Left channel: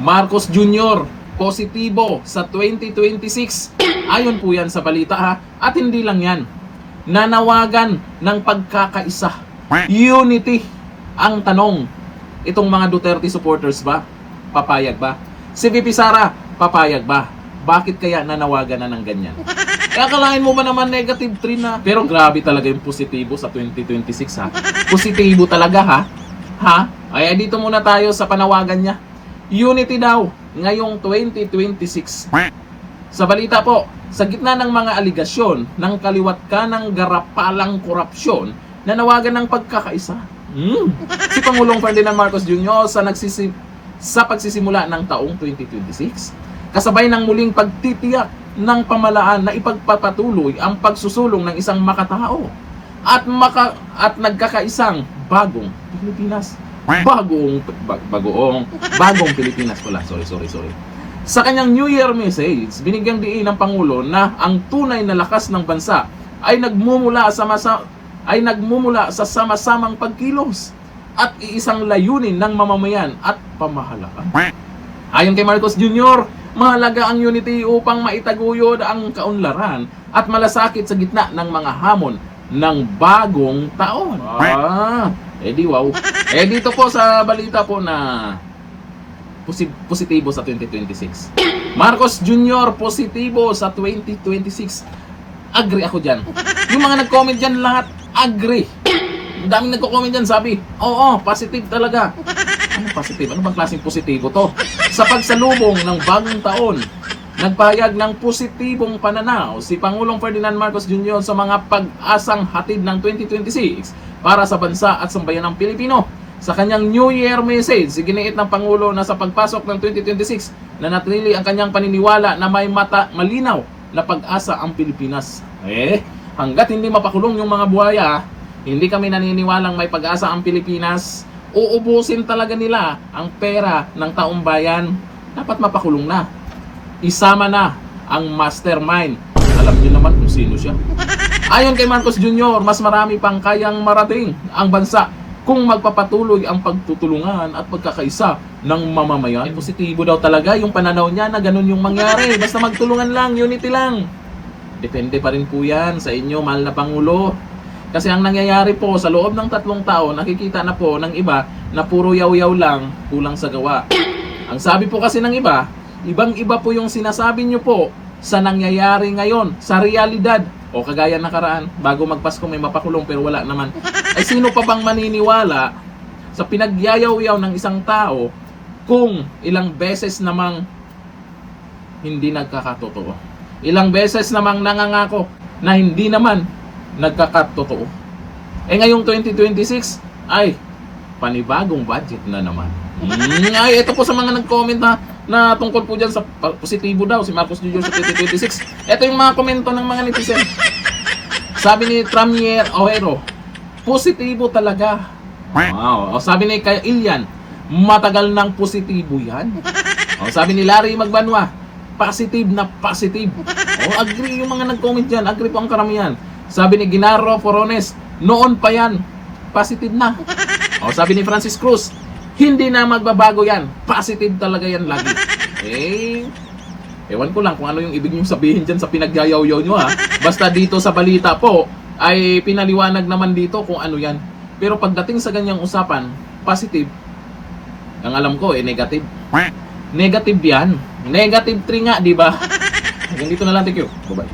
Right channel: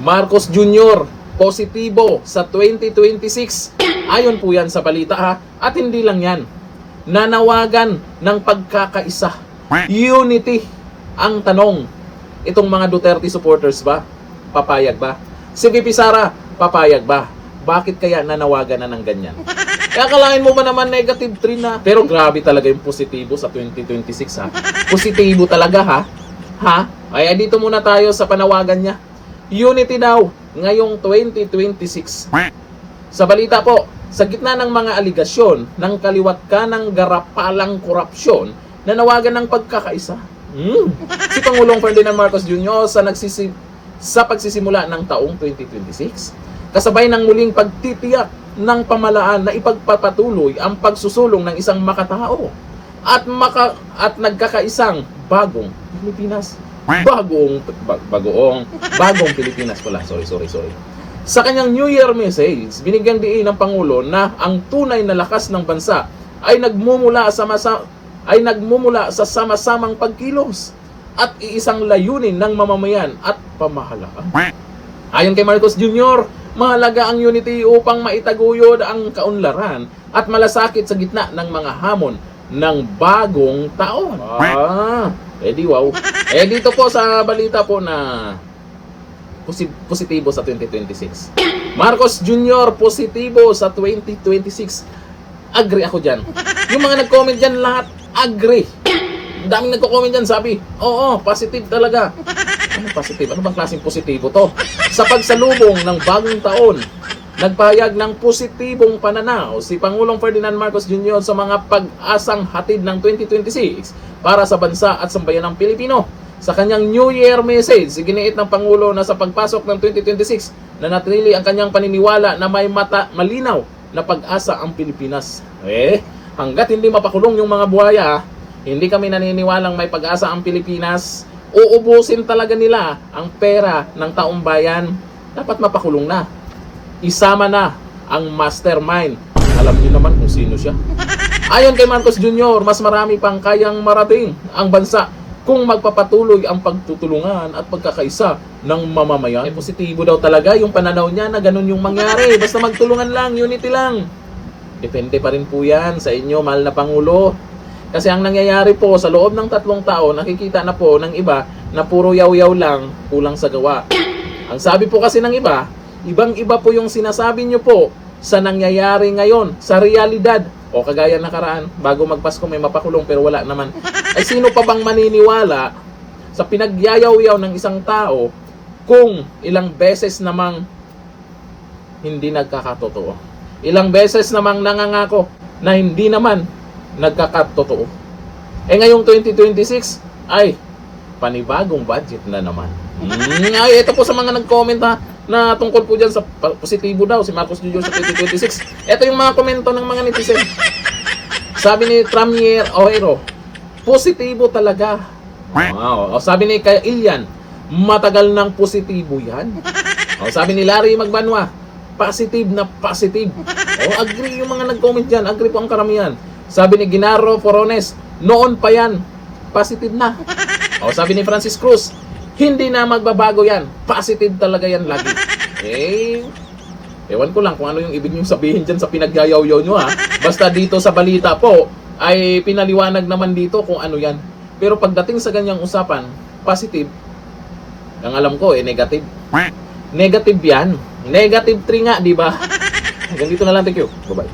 Marcos Jr. positibo sa 2026. Ayon po yan sa balita ha. At hindi lang yan. Nanawagan ng pagkakaisa. Unity ang tanong. Itong mga Duterte supporters ba? Papayag ba? Si VP Sara, papayag ba? Bakit kaya nanawagan na ng ganyan? Kaya akalain mo ba naman negative 3 na? Pero grabe talaga yung positibo sa 2026 ha. Positibo talaga ha. Ha? Ay dito muna tayo sa panawagan niya. Unity daw ngayong 2026. Sa balita po, sa gitna ng mga aligasyon ng kaliwat kanang garapalang korupsyon, nanawagan ng pagkakaisa. Si Pangulong Ferdinand Marcos Jr. sa pagsisimula ng taong 2026, kasabay ng muling pagtitiyak ng pamalaan na ipagpapatuloy ang pagsusulong ng isang makatao at nagkakaisang bagong Pilipinas. Bagong Pilipinas pala. Sorry. Sa kanyang New Year message, binigyang diin ng Pangulo na ang tunay na lakas ng bansa ay nagmumula sa sama-samang pagkilos at iisang layunin ng mamamayan at pamahalaan. Ayon kay Marcos Jr., mahalaga ang unity upang maitaguyod ang kaunlaran at malasakit sa gitna ng mga hamon ng bagong taon. Wow. Dito po sa balita po na positibo sa 2026. Marcos Jr. positibo sa 2026. Agree ako dyan. Yung mga nag-comment dyan lahat, agree. Ang daming nagko-comment dyan, sabi, oo, positive talaga. Ano positive? Ano bang klaseng positibo to? Sa pagsalubong ng bagong taon, nagpahayag ng positibong pananaw si Pangulong Ferdinand Marcos Jr. sa mga pag-asang hatid ng 2026 para sa bansa at sambayan ng Pilipino. Sa kanyang New Year message, iginiit ng Pangulo na sa pagpasok ng 2026 na natrili ang kanyang paniniwala na may malinaw na pag-asa ang Pilipinas. Hanggat hindi mapakulong yung mga buhaya, hindi kami naniniwalang may pag-asa ang Pilipinas. Uubusin talaga nila ang pera ng taong bayan. Dapat mapakulong na. Isama na ang mastermind. Alam niyo naman kung sino siya. Ayon kay Marcos Jr., mas marami pang kayang marating ang bansa kung magpapatuloy ang pagtutulungan at pagkakaisa ng mamamayan. Positibo daw talaga yung pananaw niya na ganun yung mangyari. Basta magtulungan lang, unity lang. Depende pa rin po yan sa inyo, mahal na Pangulo. Kasi ang nangyayari po sa loob ng 3 taon, nakikita na po ng iba na puro yaw-yaw lang, kulang sa gawa. Ang sabi po kasi ng iba, ibang-iba po yung sinasabi nyo po sa nangyayari ngayon, sa realidad. O kagaya nakaraan, bago magpasko may mapakulong pero wala naman. Ay sino pa bang maniniwala sa pinagyayaw-yaw ng isang tao kung ilang beses namang hindi nagkakatotoo? Ilang beses namang nangangako na hindi naman nagkakatotoo. Ngayong 2026, ay panibagong budget na naman. Ito po sa mga nag-comment na tungkol po dyan sa positibo daw si Marcos Jr. sa 2026. Ito yung mga komento ng mga netizen. Sabi ni Tramier Ojero, positibo talaga. Wow. Sabi ni Kay Ilian, matagal ng positibo yan. Sabi ni Larry Magbanwa, positive na positive. Agree yung mga nag-comment dyan. Agree po ang karamihan. Sabi ni Ginaro Forones, noon pa yan, positive na. Sabi ni Francis Cruz, hindi na magbabago yan. Positive talaga yan lagi. Ewan ko lang kung ano yung ibig nyo sabihin dyan sa pinagyayaw-yaw nyo ha. Basta dito sa balita po, ay pinaliwanag naman dito kung ano yan. Pero pagdating sa ganyang usapan, positive, ang alam ko negative. Negative yan. Negative 3 nga, di ba? Hanggang dito na lang. Thank you. Bye-bye.